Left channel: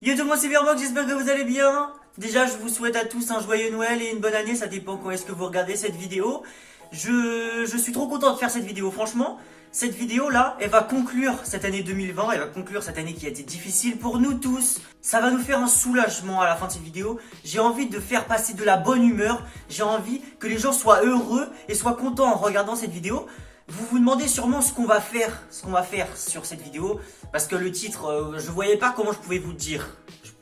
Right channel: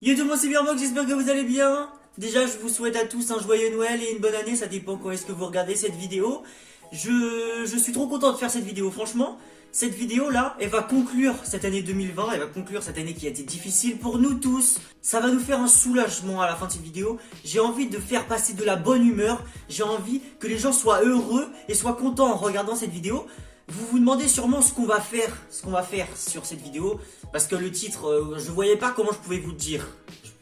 Yo tout le monde, c'est Birmox, j'espère que vous allez bien. Déjà, je vous souhaite à tous un joyeux Noël et une bonne année, ça dépend quand est-ce que vous regardez cette vidéo. Je suis trop content de faire cette vidéo, franchement. Cette vidéo-là, elle va conclure cette année 2020, elle va conclure cette année qui a été difficile pour nous tous. Ça va nous faire un soulagement à la fin de cette vidéo. J'ai envie de faire passer de la bonne humeur, j'ai envie que les gens soient heureux et soient contents en regardant cette vidéo. Vous vous demandez sûrement ce qu'on va faire sur cette vidéo, parce que le titre, je voyais pas comment je pouvais vous dire.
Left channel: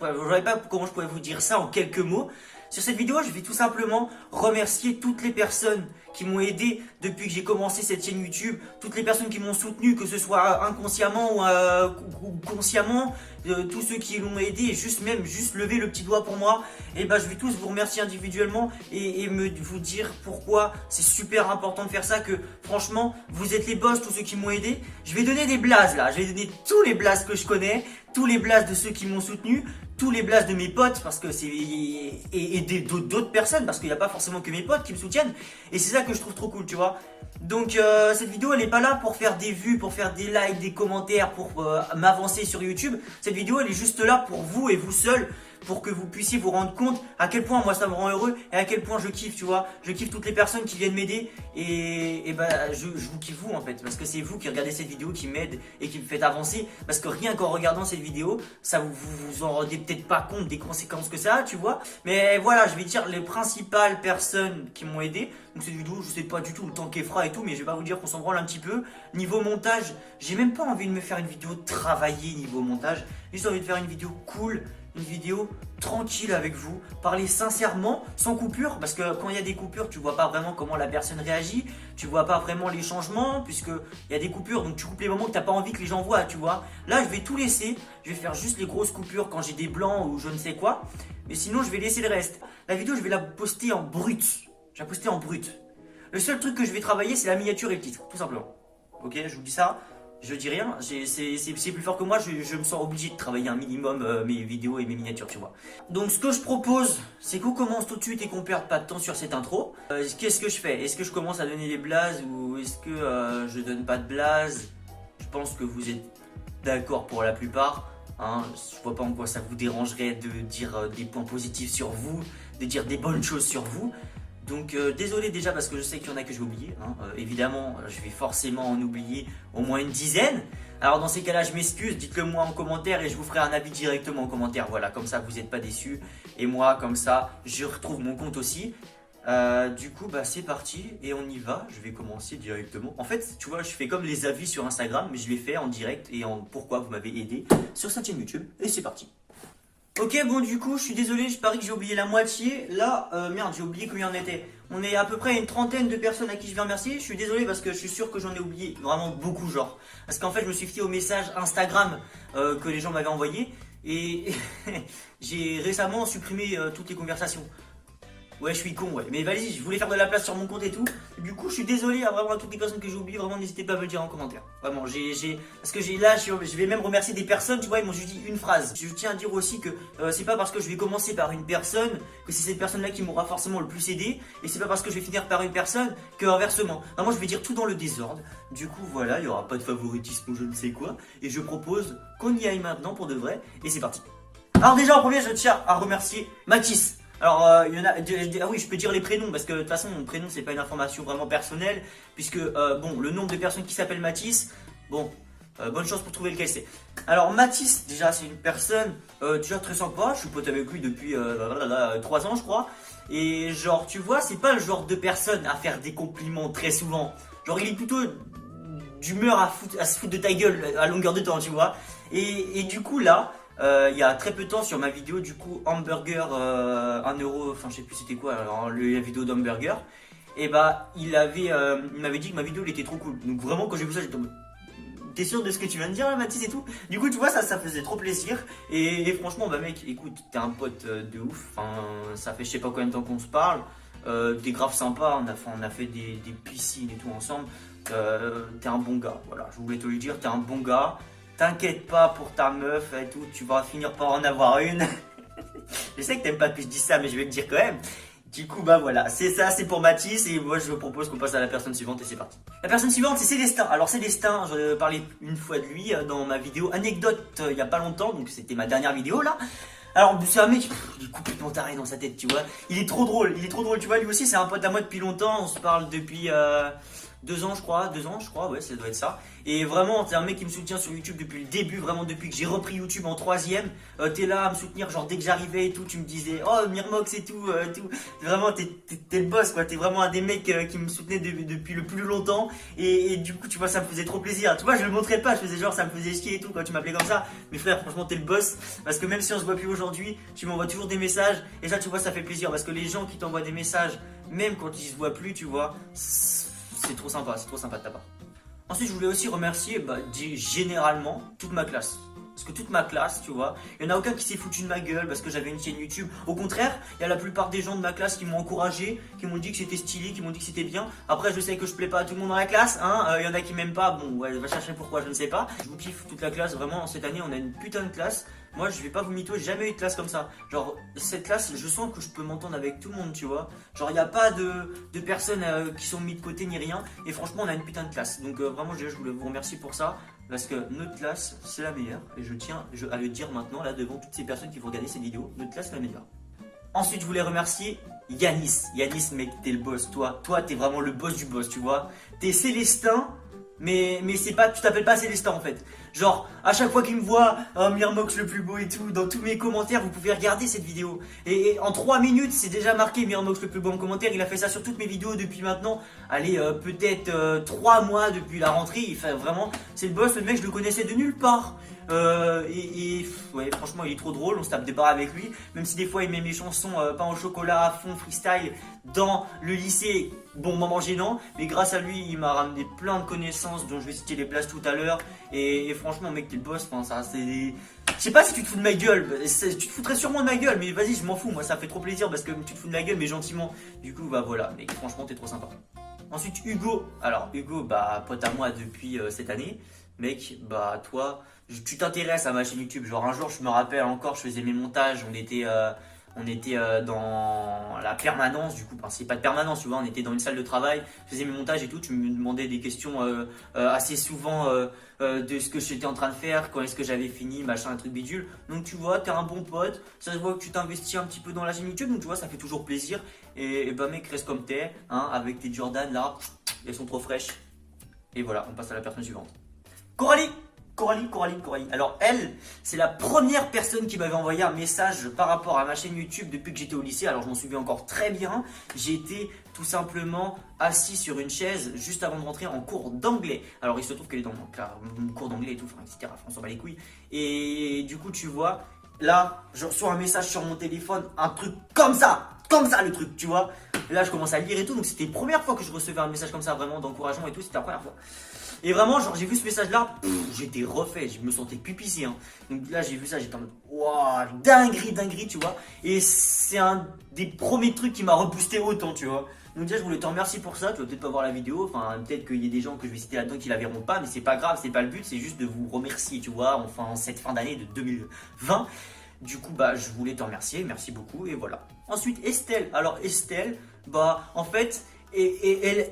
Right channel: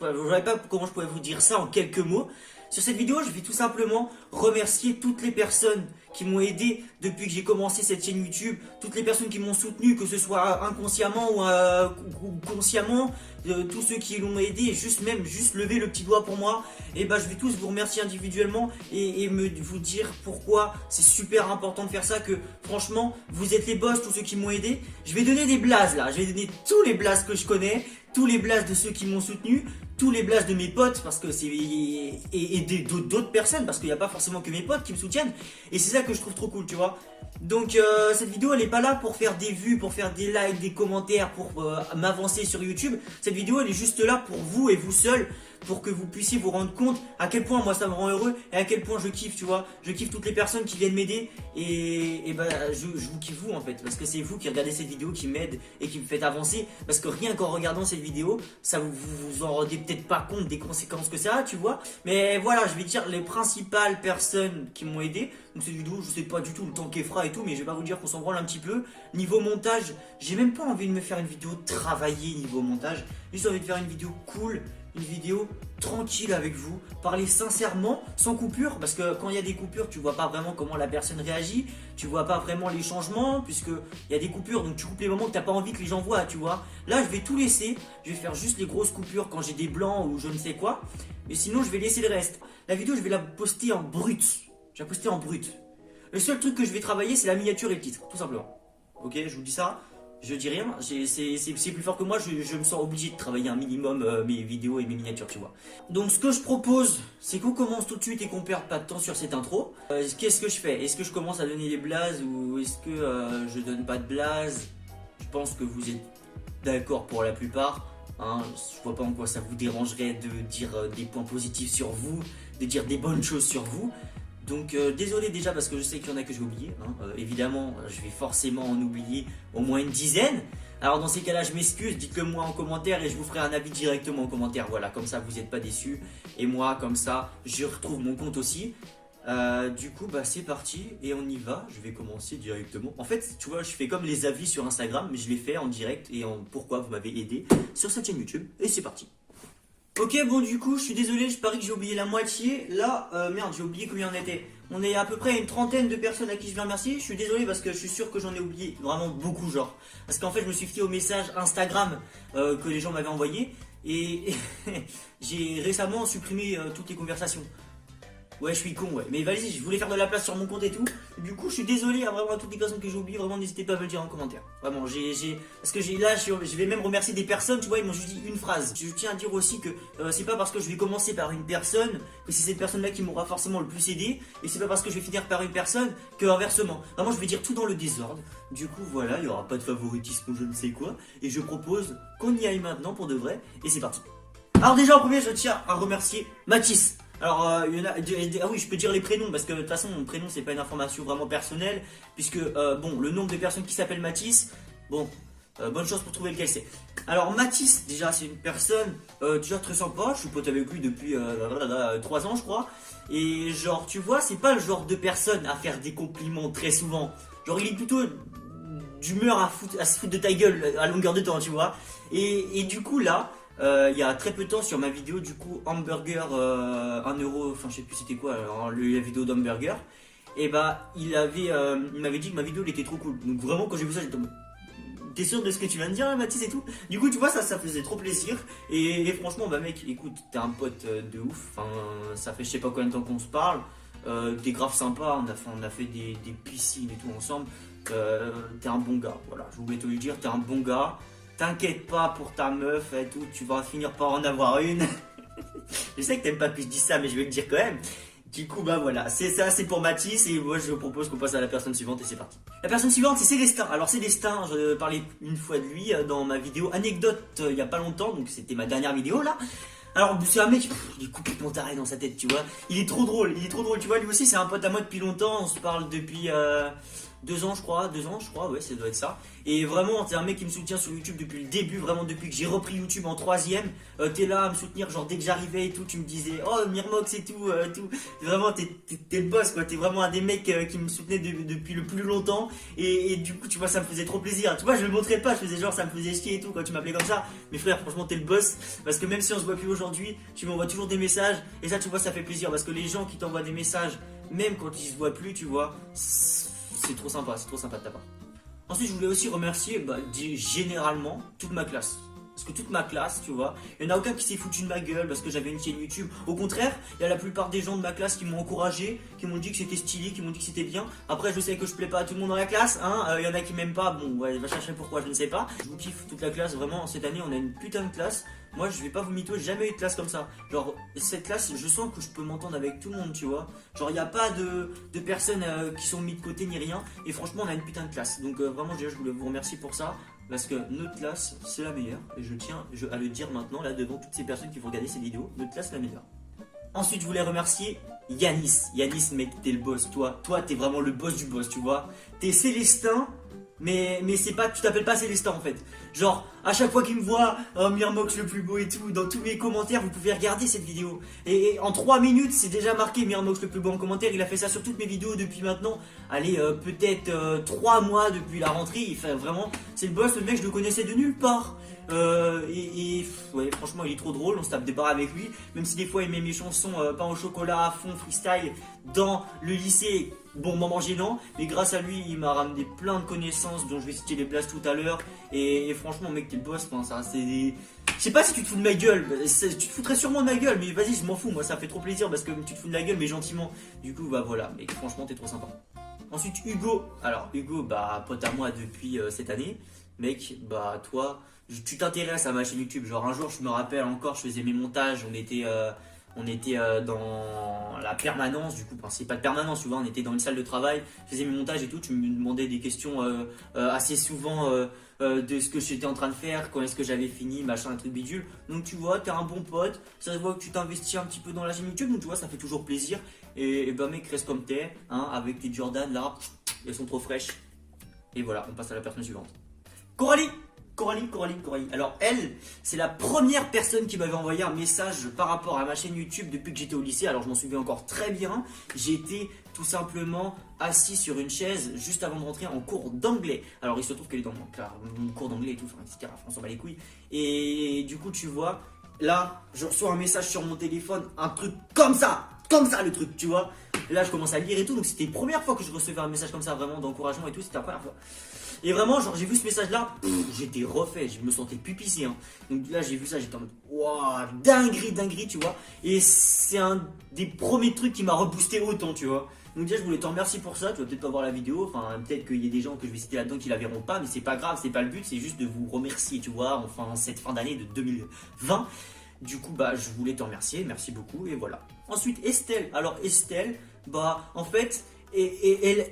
Je voyais pas comment je pouvais vous dire ça en quelques mots. Sur cette vidéo, je vais tout simplement remercier toutes les personnes qui m'ont aidé depuis que j'ai commencé cette chaîne YouTube, toutes les personnes qui m'ont soutenu, que ce soit inconsciemment ou consciemment, tous ceux qui l'ont aidé, juste lever le petit doigt pour moi, et ben je vais tous vous remercier individuellement et vous dire pourquoi c'est super important de faire ça, que franchement vous êtes les boss, tous ceux qui m'ont aidé. Je vais donner des blazes là, je vais donner tous les blazes que je connais, tous les blazes de ceux qui m'ont soutenu, tous les blazes de mes potes, parce que c'est et d'autres personnes, parce qu'il n'y a pas forcément que mes potes qui me soutiennent, et c'est ça que je trouve trop cool, tu vois. Donc cette vidéo elle est pas là pour faire des vues, pour faire des likes, des commentaires, pour m'avancer sur YouTube. Cette vidéo elle est juste là pour vous et vous seul, pour que vous puissiez vous rendre compte à quel point moi ça me rend heureux et à quel point je kiffe, tu vois. Je kiffe toutes les personnes qui viennent m'aider et bah je vous kiffe vous en fait, parce que c'est vous qui regardez cette vidéo qui m'aide et qui me faites avancer, parce que rien qu'en regardant cette vidéo, ça vous en rendez peut-être pas compte des conséquences que ça a, tu vois. Mais voilà, je vais dire les principales personnes qui m'ont aidé. Donc cette vidéo, je sais pas du tout le temps qu'elle fera et tout, mais je vais pas vous dire qu'on s'en branle un petit peu. Niveau montage, j'ai même pas envie de me faire une vidéo travaillée niveau montage, j'ai juste envie de faire une vidéo cool, une vidéo tranquille avec vous, parler sincèrement, sans coupure, parce que quand il y a des coupures, tu vois pas vraiment comment la personne réagit, tu vois pas vraiment les changements, puisque il y a des coupures, donc tu coupes les moments que t'as pas envie que les gens voient, tu vois. Là, je vais tout laisser, je vais faire juste les grosses coupures quand j'ai des blancs ou je ne sais quoi, mais sinon je vais laisser le reste. La vidéo, je vais la poster en brut, je vais la poster en brut. Le seul truc que je vais travailler, c'est la miniature et le titre, tout simplement. Ok, je vous dis ça. Je dis rien, c'est plus fort que moi, je me sens obligé de travailler un minimum mes vidéos et mes miniatures, tu vois. Donc ce que je propose, c'est qu'on commence tout de suite et qu'on perde pas de temps sur cette intro. Qu'est-ce que je fais? Est-ce que je commence à donner des blazes ou est-ce que je donne pas de blazes? Je pense que vous êtes d'accord pour la plupart. Hein, je vois pas en quoi ça vous dérangerait de dire des points positifs sur vous, de dire des bonnes choses sur vous. Donc désolé déjà parce que je sais qu'il y en a que j'ai oublié, hein. Évidemment je vais forcément en oublier au moins une dizaine. Alors dans ces cas là je m'excuse, dites-le moi en commentaire et je vous ferai un avis directement en commentaire. Voilà, comme ça vous n'êtes pas déçus. Et moi comme ça je retrouve mon compte aussi. Du coup bah c'est parti et on y va. Je vais commencer directement. En fait tu vois, je fais comme les avis sur Instagram, mais je les fais en direct et en pourquoi vous m'avez aidé sur cette chaîne YouTube. Et c'est parti. Ok, bon du coup je suis désolé, je parie que j'ai oublié la moitié. Là, merde, j'ai oublié combien on était. On est à peu près une trentaine de personnes à qui je vais remercier. Je suis désolé parce que je suis sûr que j'en ai oublié vraiment beaucoup, genre. Parce qu'en fait je me suis fié aux messages Instagram que les gens m'avaient envoyés. Et j'ai récemment supprimé toutes les conversations. Ouais, je suis con, ouais. Mais vas-y, je voulais faire de la place sur mon compte et tout. Du coup, je suis désolé à vraiment à toutes les personnes que j'ai oubliées. Vraiment, n'hésitez pas à me le dire en commentaire. Vraiment, parce que je vais même remercier des personnes, tu vois, ils m'ont juste dit une phrase. Je tiens à dire aussi que c'est pas parce que je vais commencer par une personne que c'est cette personne-là qui m'aura forcément le plus aidé. Et c'est pas parce que je vais finir par une personne que inversement. Vraiment, je vais dire tout dans le désordre. Du coup, voilà, il y aura pas de favoritisme ou je ne sais quoi. Et je propose qu'on y aille maintenant pour de vrai. Et c'est parti. Alors déjà, en premier, je tiens à remercier Mathis. Alors, il y en a. Ah oui, je peux dire les prénoms parce que de toute façon, mon prénom c'est pas une information vraiment personnelle. Puisque, bon, le nombre de personnes qui s'appellent Mathis, bon, bonne chance pour trouver lequel c'est. Alors, Mathis, déjà, c'est une personne déjà très sympa. Je suis pote avec lui depuis 3 ans, je crois. Et, genre, tu vois, c'est pas le genre de personne à faire des compliments très souvent. Genre, il est plutôt d'humeur à se foutre de ta gueule à longueur de temps, tu vois. Et du coup, là. Il y a très peu de temps sur ma vidéo du coup hamburger 1€, enfin je sais plus c'était quoi alors, la vidéo d'hamburger, et bah il m'avait dit que ma vidéo elle était trop cool. Donc vraiment quand j'ai vu ça j'étais tombé. T'es sûr de ce que tu viens de dire là, Mathis et tout? Du coup tu vois ça faisait trop plaisir et franchement bah mec écoute t'es un pote de ouf, enfin ça fait je sais pas combien de temps qu'on se parle, t'es grave sympa, on a fait des piscines et tout ensemble, t'es un bon gars, voilà je voulais te le dire, t'es un bon gars. T'inquiète pas pour ta meuf et tout, tu vas finir par en avoir une. Je sais que t'aimes pas que je dise ça, mais je vais te dire quand même. Du coup, bah voilà, c'est ça, c'est pour Mathis. Et moi, je vous propose qu'on passe à la personne suivante et c'est parti. La personne suivante, c'est Célestin. Alors, Célestin, je parlais une fois de lui dans ma vidéo anecdote il y a pas longtemps. Donc, c'était ma dernière vidéo là. Alors, c'est un mec, il est complètement taré dans sa tête, tu vois. Il est trop drôle, tu vois. Lui aussi, c'est un pote à moi depuis longtemps. On se parle depuis 2 ans, je crois. 2 ans, je crois, ouais, ça doit être ça. Et vraiment, c'est un mec qui me soutient sur YouTube depuis le début, vraiment depuis que j'ai repris YouTube en 3ème. T'es là à me soutenir, genre dès que j'arrivais et tout, tu me disais, oh Mirmox et tout, tout. Vraiment, t'es le boss, quoi. T'es vraiment un des mecs qui me soutenait depuis le plus longtemps. Et du coup, tu vois, ça me faisait trop plaisir. Tu vois, je le montrais pas, je faisais genre, ça me faisait chier et tout quand tu m'appelais comme ça. Mais frère, franchement, t'es le boss. Parce que même si on se voit plus aujourd'hui, tu m'envoies toujours des messages. Et ça, tu vois, ça fait plaisir. Parce que les gens qui t'envoient des messages, même quand ils se voient plus, tu vois, c'est trop sympa de ta part. Ensuite, je voulais aussi remercier généralement toute ma classe. Parce que toute ma classe, tu vois, il n'y en a aucun qui s'est foutu de ma gueule parce que j'avais une chaîne YouTube. Au contraire, il y a la plupart des gens de ma classe qui m'ont encouragé, qui m'ont dit que c'était stylé, qui m'ont dit que c'était bien. Après, je sais que je plais pas à tout le monde dans la classe, hein. Il y en a qui m'aiment pas, bon, ouais, va chercher pourquoi, je ne sais pas. Je vous kiffe toute la classe, vraiment, cette année, on a une putain de classe. Moi, je vais pas vous mytho, j'ai jamais eu de classe comme ça. Genre, cette classe, je sens que je peux m'entendre avec tout le monde, tu vois. Genre, il n'y a pas de personnes qui sont mis de côté ni rien. Et franchement, on a une putain de classe. Donc, vraiment, je voulais vous remercier pour ça. Parce que notre classe, c'est la meilleure. Et je tiens à le dire maintenant, là, devant toutes ces personnes qui vont regarder cette vidéo. Notre classe, c'est la meilleure. Ensuite, je voulais remercier Yanis. Yanis, mec, t'es le boss, toi. Toi, t'es vraiment le boss du boss, tu vois. T'es Célestin. Mais c'est pas, tu t'appelles pas Célestin en fait. Genre, à chaque fois qu'il me voit, oh, Mirmox le plus beau et tout, dans tous mes commentaires, vous pouvez regarder cette vidéo. Et en 3 minutes, c'est déjà marqué Mirmox le plus beau en commentaire. Il a fait ça sur toutes mes vidéos depuis maintenant, allez, peut-être 3 mois depuis la rentrée. Il fait vraiment, c'est le boss, le mec, je le connaissais de nulle part. Ouais, franchement, il est trop drôle. On se tape des barres avec lui, même si des fois il met mes chansons pain au chocolat à fond, freestyle dans le lycée. Bon, moment gênant, mais grâce à lui, il m'a ramené plein de connaissances dont je vais citer les places tout à l'heure. Et franchement, mec, t'es le boss. Enfin, ça, c'est des... Je sais pas si tu te fous de ma gueule. Tu te foutrais sûrement de ma gueule, mais vas-y, je m'en fous. Moi, ça fait trop plaisir parce que tu te fous de la gueule, mais gentiment. Du coup, bah voilà, mec, franchement, t'es trop sympa. Ensuite, Hugo. Alors, Hugo, bah, pote à moi depuis cette année. Mec, bah, toi, tu t'intéresses à ma chaîne YouTube. Genre, un jour, je me rappelle encore, je faisais mes montages. On était dans la permanence, du coup, enfin, c'est pas de permanence, tu vois, on était dans une salle de travail, je faisais mes montages et tout, tu me demandais des questions assez souvent de ce que j'étais en train de faire, quand est-ce que j'avais fini, machin, un truc bidule. Donc tu vois, t'es un bon pote, ça se voit que tu t'investis un petit peu dans la chaîne YouTube, donc tu vois, ça fait toujours plaisir. Et bah mec, reste comme t'es, hein, avec tes Jordan là, elles sont trop fraîches. Et voilà, on passe à la personne suivante. Coralie. Alors elle, c'est la première personne qui m'avait envoyé un message par rapport à ma chaîne YouTube depuis que j'étais au lycée. Alors je m'en souviens encore très bien. J'étais tout simplement assis sur une chaise juste avant de rentrer en cours d'anglais. Alors il se trouve qu'elle est dans mon cours d'anglais et tout, enfin, etc. On s'en bat les couilles. Et du coup tu vois, là je reçois un message sur mon téléphone, un truc comme ça le truc, tu vois. Et là je commence à lire et tout, donc c'était la première fois que je recevais un message comme ça, vraiment d'encouragement et tout, c'était la première fois. Et vraiment, genre, j'ai vu ce message-là, j'étais refait, je me sentais pupissé. Hein. Donc là, j'ai vu ça, j'étais en mode, waouh, dinguerie, tu vois. Et c'est un des premiers trucs qui m'a reboosté autant, tu vois. Donc déjà, je voulais te remercier pour ça. Tu vas peut-être pas voir la vidéo, enfin, peut-être qu'il y a des gens que je vais citer là-dedans qui la verront pas, mais c'est pas grave, c'est pas le but, c'est juste de vous remercier, tu vois, enfin, cette fin d'année de 2020. Du coup, bah, je voulais te remercier, merci beaucoup, et voilà. Ensuite, Estelle. Alors, Estelle, bah, en fait, elle.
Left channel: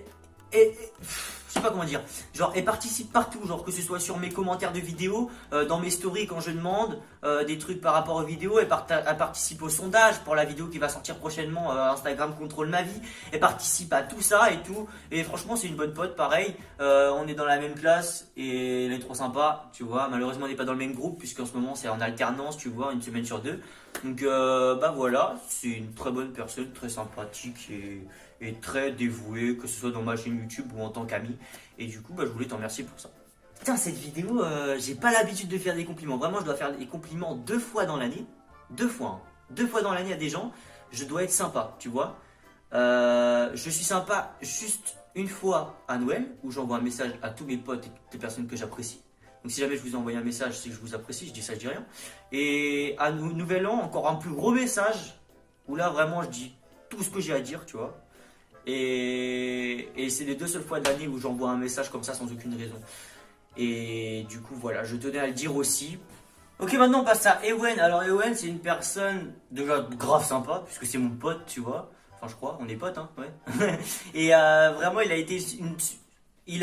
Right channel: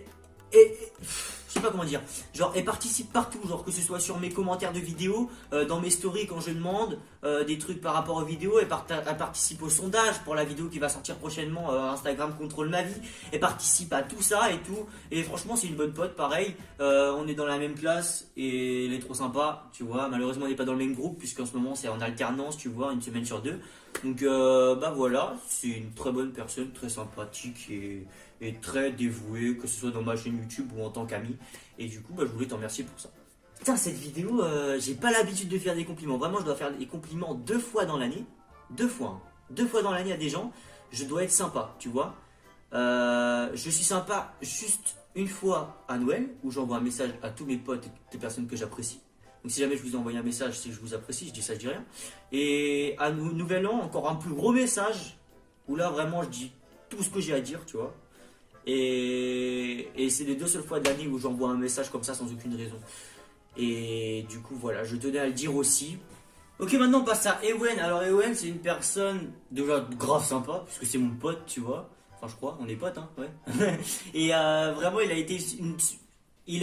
Je sais pas comment dire, genre elle participe partout, genre que ce soit sur mes commentaires de vidéos, dans mes stories quand je demande des trucs par rapport aux vidéos, elle participe au sondage pour la vidéo qui va sortir prochainement, Instagram contrôle ma vie, elle participe à tout ça et tout, et franchement c'est une bonne pote, pareil, on est dans la même classe et elle est trop sympa, tu vois, malheureusement on n'est pas dans le même groupe puisqu'en ce moment c'est en alternance, tu vois, une semaine sur 2, donc bah voilà, c'est une très bonne personne, très sympathique et très dévouée, que ce soit dans ma chaîne YouTube ou en tant qu'ami. Et du coup, bah, je voulais t'en remercier pour ça. Putain, cette vidéo, j'ai pas l'habitude de faire des compliments. Vraiment, je dois faire des compliments 2 fois dans l'année. 2 fois, hein. 2 fois dans l'année à des gens. Je dois être sympa, tu vois. Je suis sympa juste une fois à Noël, où j'envoie un message à tous mes potes et toutes les personnes que j'apprécie. Donc si jamais je vous ai envoyé un message, c'est que je vous apprécie, je dis ça, je dis rien. Et à Nouvel An, encore un plus gros message, où là, vraiment, je dis tout ce que j'ai à dire, tu vois. Et c'est les 2 seules fois de l'année où j'envoie un message comme ça sans aucune raison. Et du coup voilà, je tenais à le dire aussi. Ok, maintenant on passe à Ewen. Alors Ewen, c'est une personne déjà grave sympa puisque c'est mon pote, tu vois. enfin je crois, on est potes, hein, ouais. Et vraiment, il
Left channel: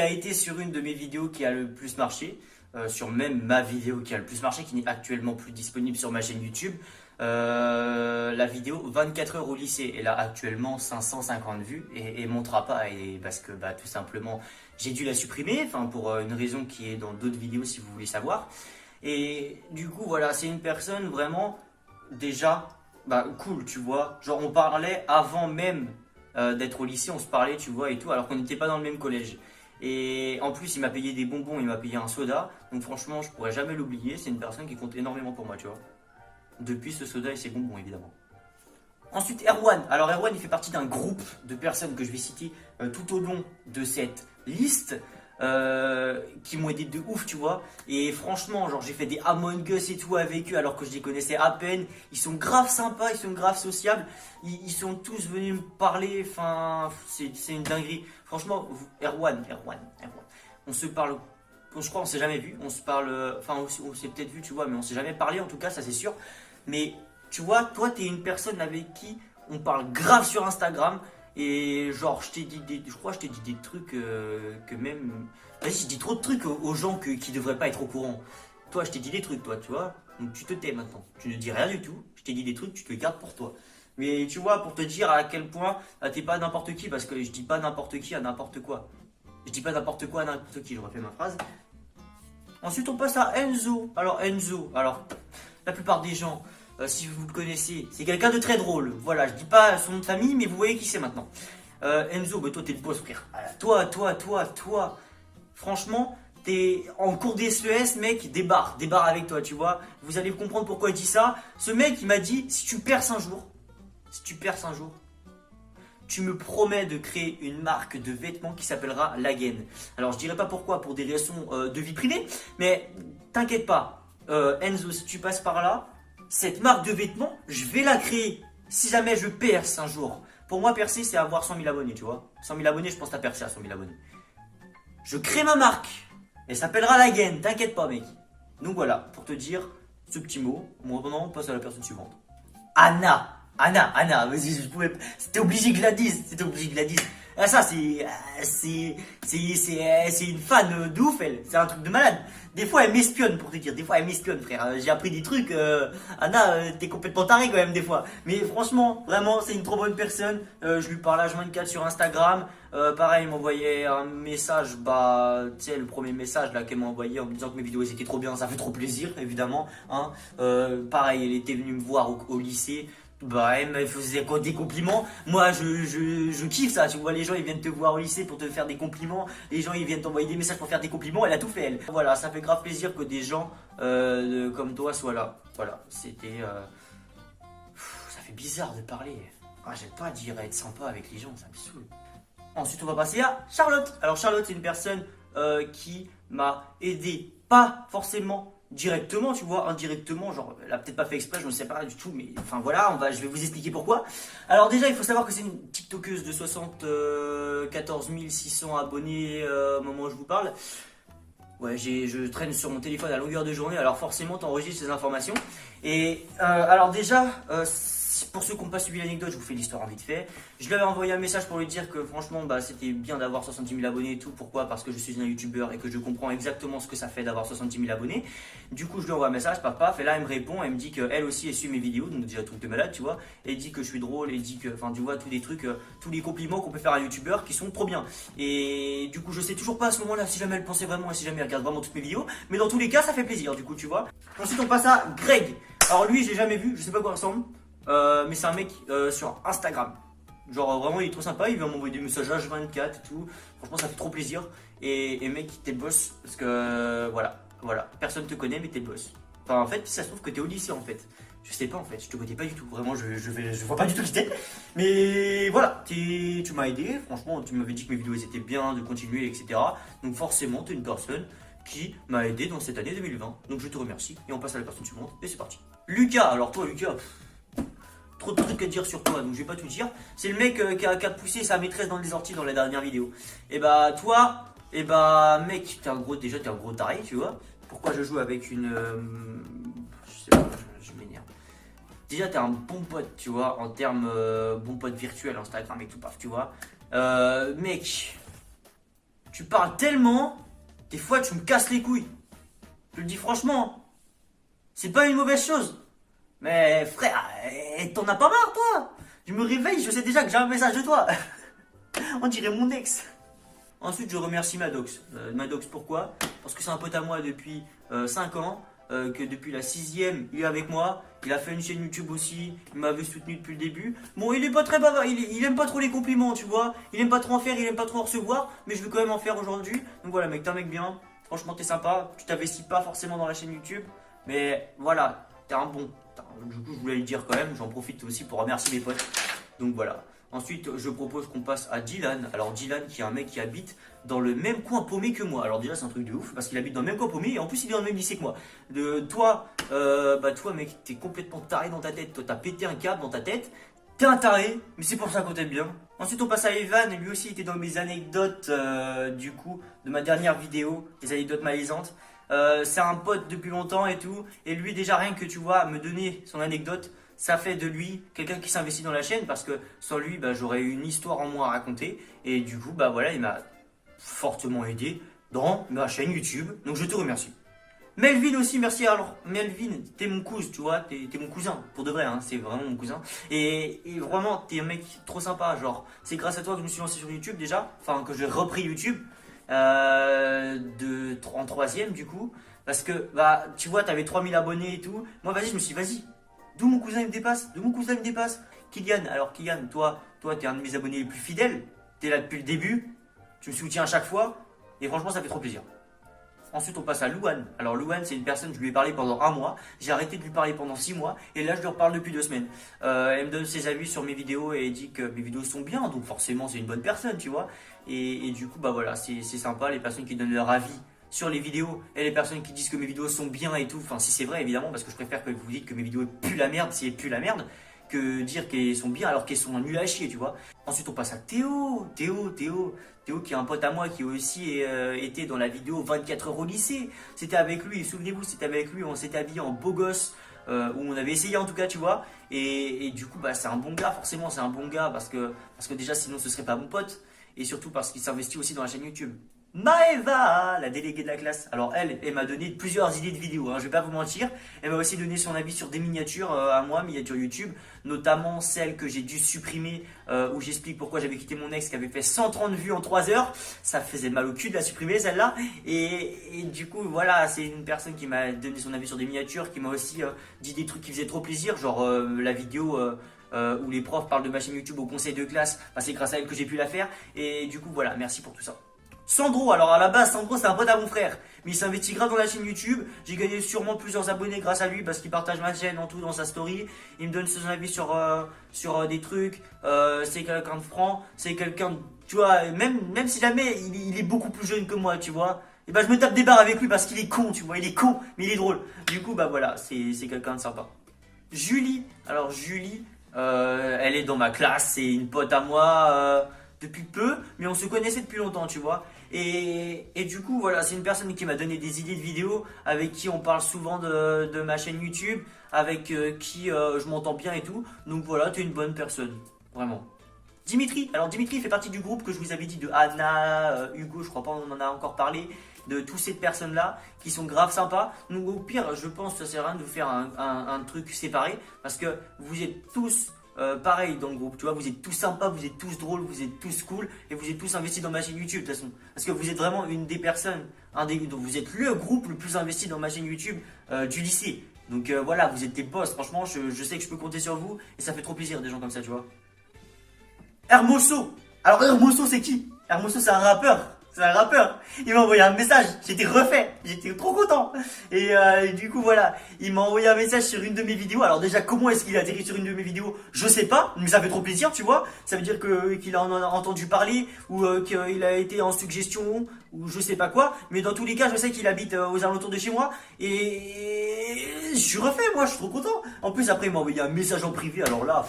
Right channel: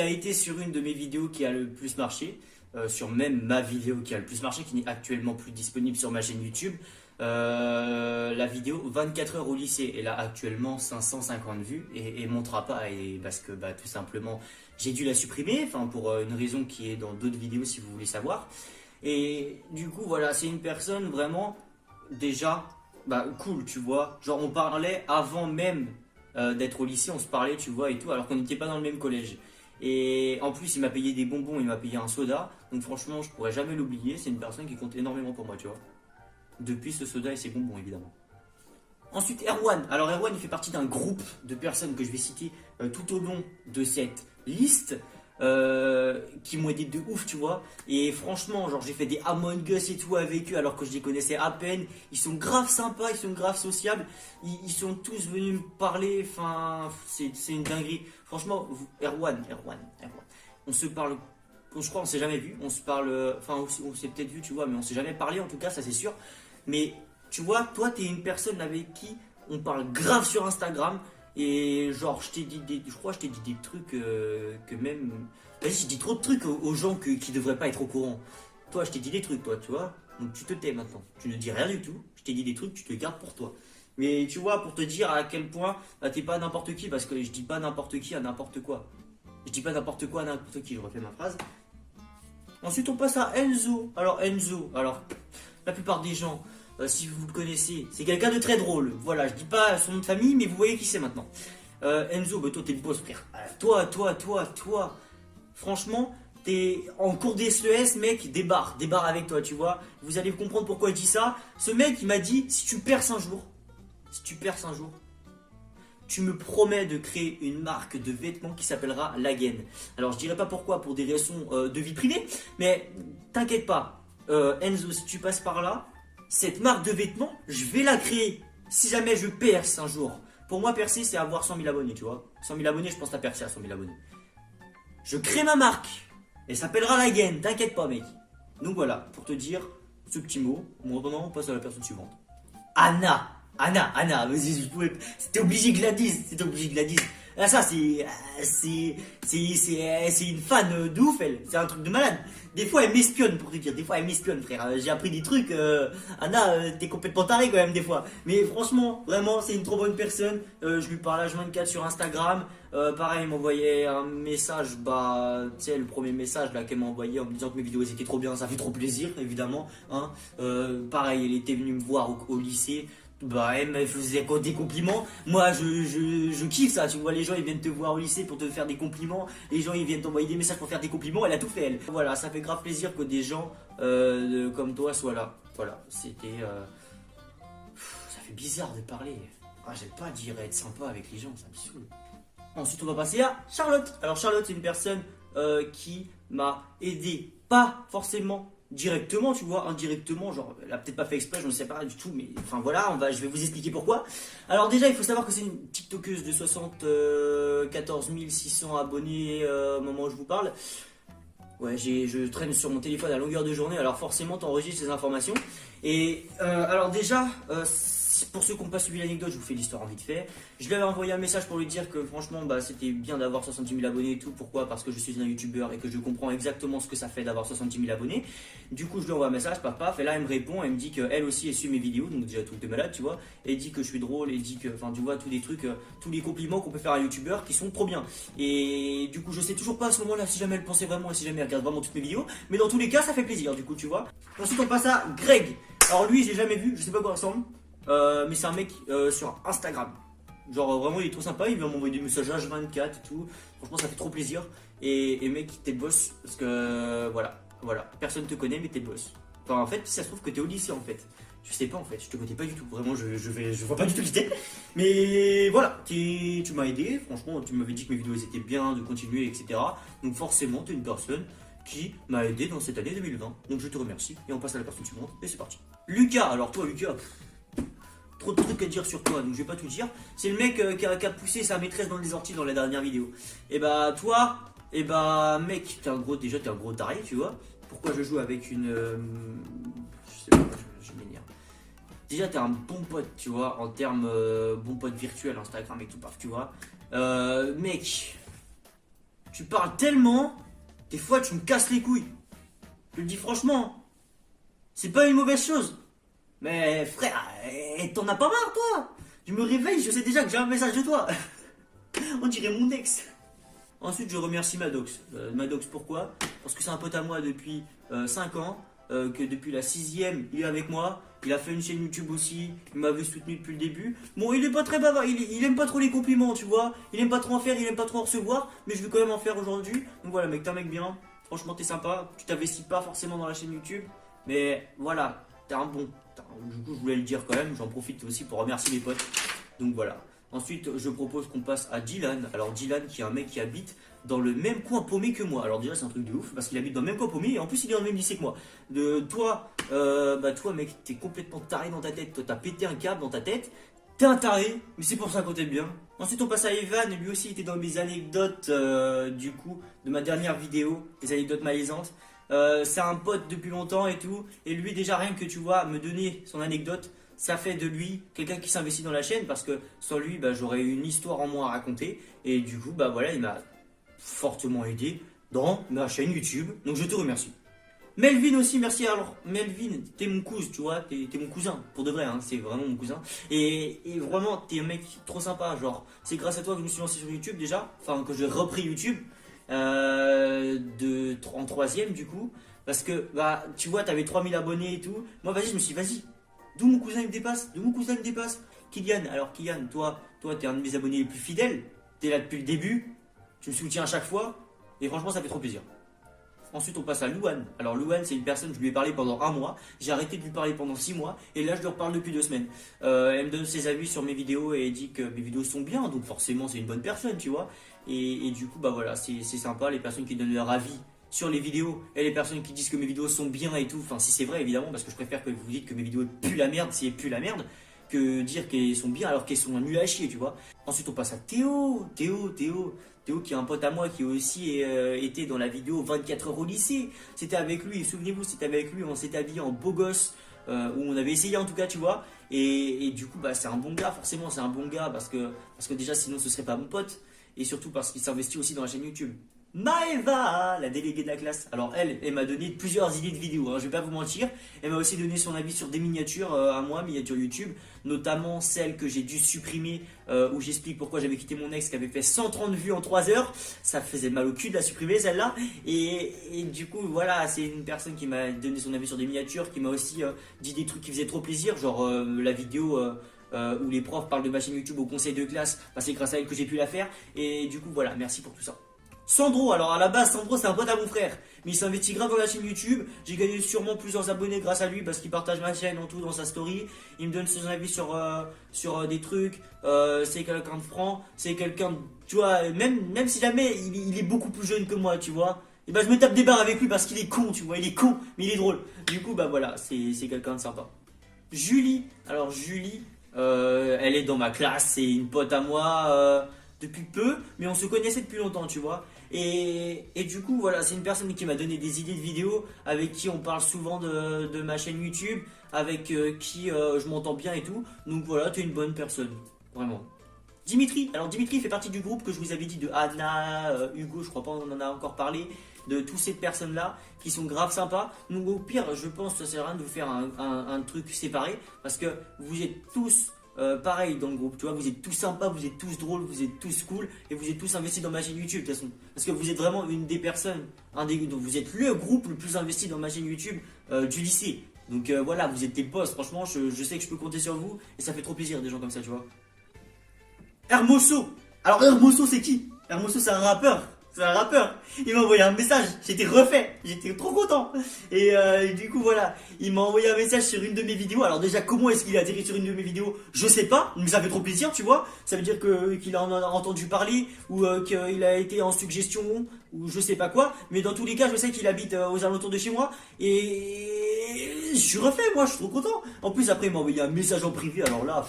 a été sur une de mes vidéos qui a le plus marché, sur même ma vidéo qui a le plus marché, qui n'est actuellement plus disponible sur ma chaîne YouTube. La vidéo 24 heures au lycée, elle a actuellement 550 vues et montera pas, et parce que bah, tout simplement j'ai dû la supprimer, enfin pour une raison qui est dans d'autres vidéos si vous voulez savoir. Et du coup voilà, c'est une personne vraiment déjà bah, cool, tu vois, genre on parlait avant même d'être au lycée, on se parlait, tu vois, et tout, alors qu'on n'était pas dans le même collège. Et en plus, il m'a payé des bonbons, il m'a payé un soda, donc franchement je pourrais jamais l'oublier, c'est une personne qui compte énormément pour moi, tu vois. Depuis ce soda et ses bonbons, évidemment. Ensuite, Erwan. Alors, Erwan, il fait partie d'un groupe de personnes que je vais citer tout au long de cette liste qui m'ont aidé de ouf, tu vois. Et franchement, genre, j'ai fait des Among Us et tout avec eux alors que je les connaissais à peine. Ils sont grave sympas, ils sont grave sociables. Ils sont tous venus me parler. Enfin, c'est une dinguerie. Franchement, Erwan. On se parle. Je crois on s'est jamais vu. On se parle. Enfin, on s'est peut-être vu, tu vois, mais on s'est jamais parlé en tout cas, ça c'est sûr. Mais tu vois, toi, t'es une personne avec qui on parle grave sur Instagram. Et genre, je crois que je t'ai dit des trucs que même... Vas-y, je dis trop de trucs aux gens qui devraient pas être au courant. Toi, je t'ai dit des trucs, toi, tu vois. Donc tu te tais maintenant. Tu ne dis rien du tout. Je t'ai dit des trucs, tu te les gardes pour toi. Mais tu vois, pour te dire à quel point t'es pas n'importe qui. Parce que je dis pas n'importe qui à n'importe quoi. Je dis pas n'importe quoi à n'importe qui. Je refais ma phrase. Ensuite, on passe à Enzo. Alors, la plupart des gens, si vous le connaissez, c'est quelqu'un de très drôle. Voilà, je dis pas son nom de famille, mais vous voyez qui c'est maintenant. Enzo, bah toi, t'es le boss, frère. Toi. Franchement, t'es en cours d'SES, mec, débarre avec toi, tu vois. Vous allez comprendre pourquoi je dis ça. Ce mec, il m'a dit, si tu perces un jour, tu me promets de créer une marque de vêtements qui s'appellera Lagen. Alors, je dirais pas pourquoi, pour des raisons de vie privée, mais t'inquiète pas. Enzo, si tu passes par là, cette marque de vêtements, je vais la créer. Si jamais je perce un jour. Pour moi, percer, c'est avoir 100 000 abonnés, tu vois. 100 000 abonnés, je pense que t'as percé à 100 000 abonnés. Je crée ma marque. Elle s'appellera Lagen, t'inquiète pas, mec. Donc voilà, pour te dire ce petit mot, moi, vraiment, on passe à la personne suivante. Anna, vas-y, c'était obligé que je la dise, Ah, ça, c'est une fan de ouf, elle. C'est un truc de malade. Des fois, elle m'espionne, pour te dire. Des fois, elle m'espionne, frère. J'ai appris des trucs. Anna, t'es complètement taré quand même, des fois. Mais franchement, vraiment, c'est une trop bonne personne. Je lui parle H24 sur Instagram. Pareil, elle m'envoyait un message. Bah, tu sais, le premier message là qu'elle m'a envoyé en me disant que mes vidéos étaient trop bien. Ça fait trop plaisir, évidemment. Hein. Pareil, elle était venue me voir au lycée. Bah, elle me faisait des compliments. Moi, je kiffe ça. Tu vois, les gens, ils viennent te voir au lycée pour te faire des compliments. Les gens, ils viennent t'envoyer des messages pour faire des compliments. Elle a tout fait, elle. Voilà, ça fait grave plaisir que des gens comme toi soient là. Voilà, c'était... ça fait bizarre de parler. Ah, j'aime pas dire être sympa avec les gens, ça me saoule. Ensuite, on va passer à Charlotte. Alors, Charlotte, c'est une personne qui m'a aidé. Pas forcément directement, tu vois, indirectement, genre, elle a peut-être pas fait exprès, je ne sais pas du tout, mais enfin voilà, je vais vous expliquer pourquoi. Alors déjà, il faut savoir que c'est une TikTokeuse de 74 600 abonnés au moment où je vous parle. Ouais, je traîne sur mon téléphone à longueur de journée, alors forcément, tu enregistres ces informations. Et alors déjà, pour ceux qui n'ont pas suivi l'anecdote, je vous fais l'histoire vite fait. Je lui avais envoyé un message pour lui dire que franchement, bah, c'était bien d'avoir 70 000 abonnés et tout. Pourquoi? Parce que je suis un youtubeur et que je comprends exactement ce que ça fait d'avoir 70 000 abonnés. Du coup, je lui envoie un message, paf, et là, elle me répond, elle me dit qu'elle aussi, elle suit mes vidéos, donc déjà, truc de malade, tu vois. Et elle dit que je suis drôle, et dit que, enfin, tu vois, tous les trucs, tous les compliments qu'on peut faire à un youtubeur qui sont trop bien. Et du coup, je sais toujours pas à ce moment-là si jamais elle pensait vraiment et si jamais elle regarde vraiment toutes mes vidéos. Mais dans tous les cas, ça fait plaisir, du coup, tu vois. Ensuite, on passe à Greg. Alors lui, j'ai jamais vu, je sais pas à quoi il ressemble. Mais c'est un mec sur Instagram. Genre vraiment il est trop sympa, il vient m'envoyer des messages H24 et tout. Franchement ça fait trop plaisir. Et mec, t'es le boss. Parce que voilà. Personne te connaît mais t'es le boss. Enfin en fait ça se trouve que t'es au lycée en fait. Je sais pas en fait, je te connais pas du tout. Vraiment je vois pas du tout qui t'es. Mais voilà, tu m'as aidé. Franchement tu m'avais dit que mes vidéos étaient bien, de continuer, etc. Donc forcément t'es une personne qui m'a aidé dans cette année 2020. Donc je te remercie. Et on passe à la personne suivante. Et c'est parti. Lucas, alors toi Lucas, trop de trucs à dire sur toi, donc je vais pas tout dire. C'est le mec qui a poussé sa maîtresse dans les orties dans la dernière vidéo. Et bah toi, et bah mec, t'es un gros taré, tu vois. Pourquoi je joue avec une... je sais pas, je m'énerve. déjà t'es un bon pote, tu vois, en termes bon pote virtuel, Instagram et tout, paf, tu vois. Mec, tu parles tellement, des fois tu me casses les couilles. Je le dis franchement, c'est pas une mauvaise chose. Mais frère, t'en as pas marre toi? Je me réveille, je sais déjà que j'ai un message de toi. On dirait mon ex. Ensuite, je remercie Maddox. Maddox, pourquoi? Parce que c'est un pote à moi depuis 5 ans. Que depuis la 6e, il est avec moi. Il a fait une chaîne YouTube aussi. Il m'avait soutenu depuis le début. Bon, il est pas très bavard. Il aime pas trop les compliments, tu vois. Il aime pas trop en faire, il aime pas trop en recevoir. Mais je veux quand même en faire aujourd'hui. Donc voilà, mec, t'es un mec bien. Franchement, t'es sympa. Tu t'investis pas forcément dans la chaîne YouTube. Mais voilà, t'es un bon. Du coup, je voulais le dire quand même. J'en profite aussi pour remercier mes potes. Donc voilà. Ensuite, je propose qu'on passe à Dylan. Alors Dylan, qui est un mec qui habite dans le même coin paumé que moi. Alors déjà, c'est un truc de ouf parce qu'il habite dans le même coin paumé et en plus, il est dans le même lycée que moi. Toi, mec, t'es complètement taré dans ta tête. Toi, t'as pété un câble dans ta tête. T'es un taré, mais c'est pour ça qu'on t'aime bien. Ensuite, on passe à Evan. Lui aussi, il était dans mes anecdotes, du coup, de ma dernière vidéo, les anecdotes malaisantes. C'est un pote depuis longtemps et tout. Et lui, déjà, rien que tu vois, me donner son anecdote, ça fait de lui quelqu'un qui s'investit dans la chaîne parce que sans lui, j'aurais une histoire en moi à raconter. Et du coup, voilà, il m'a fortement aidé dans ma chaîne YouTube. Donc, je te remercie. Melvin aussi, merci. Alors, Melvin, t'es mon cousin, tu vois, t'es mon cousin, pour de vrai, hein, c'est vraiment mon cousin. Et vraiment, t'es un mec trop sympa. Genre, c'est grâce à toi que je me suis lancé sur YouTube déjà, enfin, que j'ai repris YouTube en 3e du coup. Parce que, tu vois, t'avais 3000 abonnés et tout. Moi, vas-y, je me suis dit, vas-y. D'où mon cousin il me dépasse, Kylian. Alors Kylian, toi t'es un de mes abonnés les plus fidèles. T'es là depuis le début. Tu me soutiens à chaque fois. Et franchement, ça fait trop plaisir. Ensuite, on passe à Louane. Alors Louane, c'est une personne, je lui ai parlé pendant 1 mois. J'ai arrêté de lui parler pendant 6 mois. Et là, je lui reparle depuis 2 semaines. Elle me donne ses avis sur mes vidéos et elle dit que mes vidéos sont bien. Donc forcément, c'est une bonne personne, tu vois. Et du coup, voilà, c'est sympa. Les personnes qui donnent leur avis sur les vidéos et les personnes qui disent que mes vidéos sont bien et tout, enfin si c'est vrai évidemment, parce que je préfère que vous dites que mes vidéos puent la merde si elles puent la merde que dire qu'elles sont bien alors qu'elles sont nulles à chier, tu vois. Ensuite on passe à Théo qui est un pote à moi qui aussi était dans la vidéo 24 heures au lycée. C'était avec lui, souvenez-vous, c'était avec lui, on s'était habillé en beau gosse, où on avait essayé en tout cas, tu vois. Et du coup c'est un bon gars, forcément c'est un bon gars parce que déjà sinon ce serait pas mon pote, et surtout parce qu'il s'investit aussi dans la chaîne YouTube. Maëva, la déléguée de la classe. Alors elle m'a donné plusieurs idées de vidéos, hein, je vais pas vous mentir. Elle m'a aussi donné son avis sur des miniatures à moi, miniatures YouTube, notamment celle que j'ai dû supprimer, où j'explique pourquoi j'avais quitté mon ex qui avait fait 130 vues en 3 heures. Ça faisait mal au cul de la supprimer celle-là. Et du coup voilà, c'est une personne qui m'a donné son avis sur des miniatures, qui m'a aussi dit des trucs qui faisaient trop plaisir, genre la vidéo où les profs parlent de ma chaîne YouTube au conseil de classe. C'est grâce à elle que j'ai pu la faire. Et du coup voilà, merci pour tout ça. Sandro, alors à la base, Sandro c'est un pote à mon frère, mais il s'investit grave dans la chaîne YouTube. J'ai gagné sûrement plusieurs abonnés grâce à lui parce qu'il partage ma chaîne en tout dans sa story. Il me donne son avis sur des trucs. C'est quelqu'un de franc, c'est quelqu'un, tu vois, même si jamais il est beaucoup plus jeune que moi, tu vois. Et je me tape des barres avec lui parce qu'il est con, tu vois, il est con, mais il est drôle. Du coup, voilà, c'est quelqu'un de sympa. Julie, alors Julie, elle est dans ma classe, c'est une pote à moi depuis peu, mais on se connaissait depuis longtemps, tu vois. Et du coup, voilà, c'est une personne qui m'a donné des idées de vidéos, avec qui on parle souvent de ma chaîne YouTube, avec qui je m'entends bien et tout. Donc voilà, t'es une bonne personne, vraiment. Dimitri, alors Dimitri fait partie du groupe que je vous avais dit de Anna, Hugo, je crois pas on en a encore parlé, de toutes ces personnes-là qui sont grave sympas. Donc au pire, je pense que ça sert à rien de vous faire un truc séparé, parce que vous êtes tous pareil dans le groupe, tu vois, vous êtes tous sympas, vous êtes tous drôles, vous êtes tous cool et vous êtes tous investis dans ma chaîne YouTube de toute façon. Parce que vous êtes vraiment une des personnes, vous êtes le groupe le plus investi dans ma chaîne YouTube du lycée. Donc voilà, vous êtes des boss, franchement, je sais que je peux compter sur vous et ça fait trop plaisir des gens comme ça, tu vois. Hermoso, alors Hermoso c'est qui? Hermoso c'est un rappeur. C'est un rappeur, il m'a envoyé un message, j'étais refait, j'étais trop content. Et du coup voilà, il m'a envoyé un message sur une de mes vidéos. Alors déjà comment est-ce qu'il a atterri sur une de mes vidéos, je sais pas, mais ça fait trop plaisir, tu vois. Ça veut dire qu'il en a entendu parler, ou qu'il a été en suggestion, ou je sais pas quoi. Mais dans tous les cas, je sais qu'il habite aux alentours de chez moi. Et je suis refait, moi je suis trop content. En plus après il m'a envoyé un message en privé, alors là...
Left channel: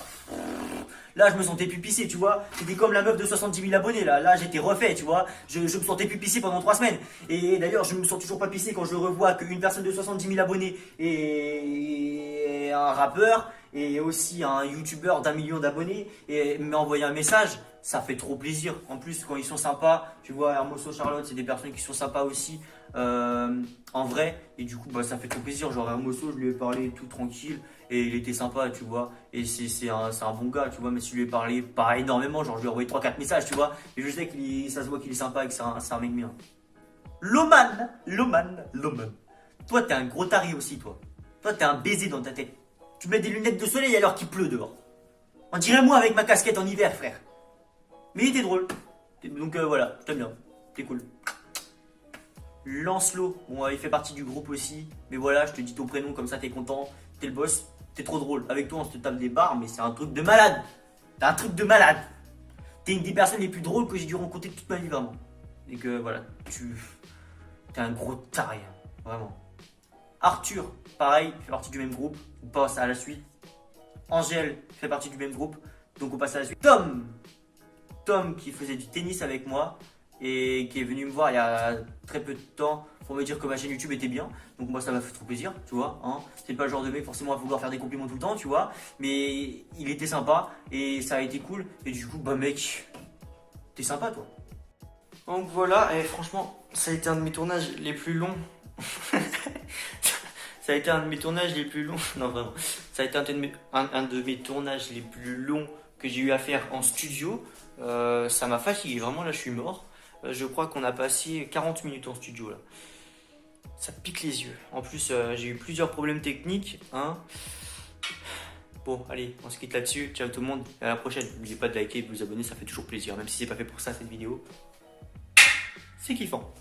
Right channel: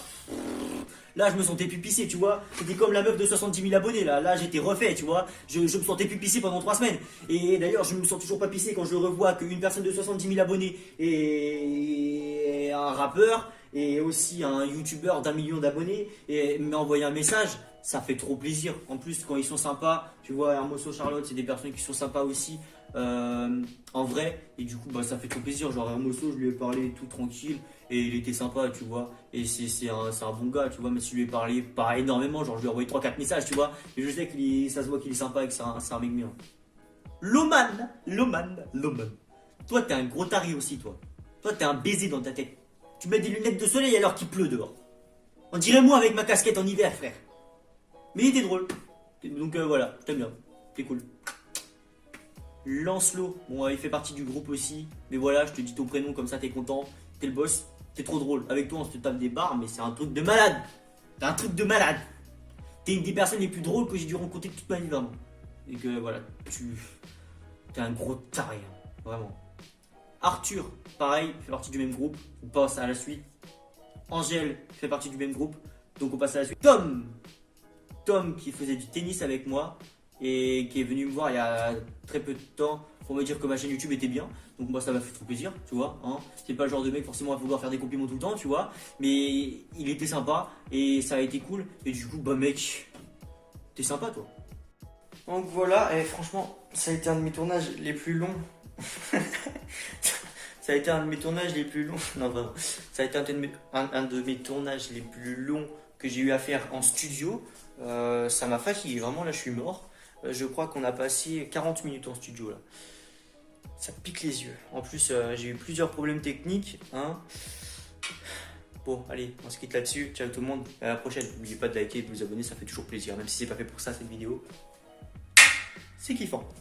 Là, je me sentais pupissé, tu vois. C'était comme la meuf de 70 000 abonnés, là. Là, j'étais refait, tu vois. Je me sentais pupissé pendant 3 semaines. Et d'ailleurs, je me sens toujours pas pissé quand je revois qu'une personne de 70 000 abonnés est un rappeur. et aussi un youtubeur d'1 million d'abonnés et m'a envoyé un message, ça fait trop plaisir. En plus, quand ils sont sympas, tu vois, Hermoso, Charlotte, c'est des personnes qui sont sympas aussi en vrai. Et du coup, bah, ça fait trop plaisir. Genre, Hermoso, je lui ai parlé tout tranquille et il était sympa, tu vois. Et c'est un bon gars, tu vois. Mais si je lui ai parlé pas énormément, genre, je lui ai envoyé 3-4 messages, tu vois. Et je sais que ça se voit qu'il est sympa et que c'est un mec bien. Loman. Toi, t'es un gros taré aussi, toi. Toi, t'es un baiser dans ta tête. Tu mets des lunettes de soleil alors qu'il pleut dehors. On dirait moi avec ma casquette en hiver, frère. Mais il était drôle. Donc voilà, je t'aime bien. T'es cool. Lancelot, bon, il fait partie du groupe aussi. Mais voilà, je te dis ton prénom comme ça, t'es content. T'es le boss. T'es trop drôle. Avec toi, on se tape des barres, mais c'est un truc de malade. T'es un truc de malade. T'es une des personnes les plus drôles que j'ai dû rencontrer toute ma vie, vraiment. Et que voilà, t'es un gros taré, hein, vraiment. Arthur, pareil, fait partie du même groupe. On passe à la suite. Angèle fait partie du même groupe. Donc on passe à la suite. Tom qui faisait du tennis avec moi et qui est venu me voir il y a très peu de temps pour me dire que ma chaîne YouTube était bien. Donc moi ça m'a fait trop plaisir, tu vois. Hein. C'est pas le genre de mec forcément à vouloir faire des compliments tout le temps, tu vois. Mais il était sympa et ça a été cool. Et du coup, bah mec, t'es sympa toi. Donc voilà, et franchement, ça a été un de mes tournages les plus longs. Ça a été un de mes tournages les plus longs. Non, vraiment. Ça a été un de mes tournages les plus longs que j'ai eu à faire en studio. Ça m'a fatigué. Vraiment, là, je suis mort. Je crois qu'on a passé 40 minutes en studio, là. Ça pique les yeux. En plus, j'ai eu plusieurs problèmes techniques. Hein. Bon, allez, on se quitte là-dessus. Ciao tout le monde. À la prochaine. N'oubliez pas de liker et de vous abonner. Ça fait toujours plaisir. Même si c'est pas fait pour ça, cette vidéo. C'est kiffant.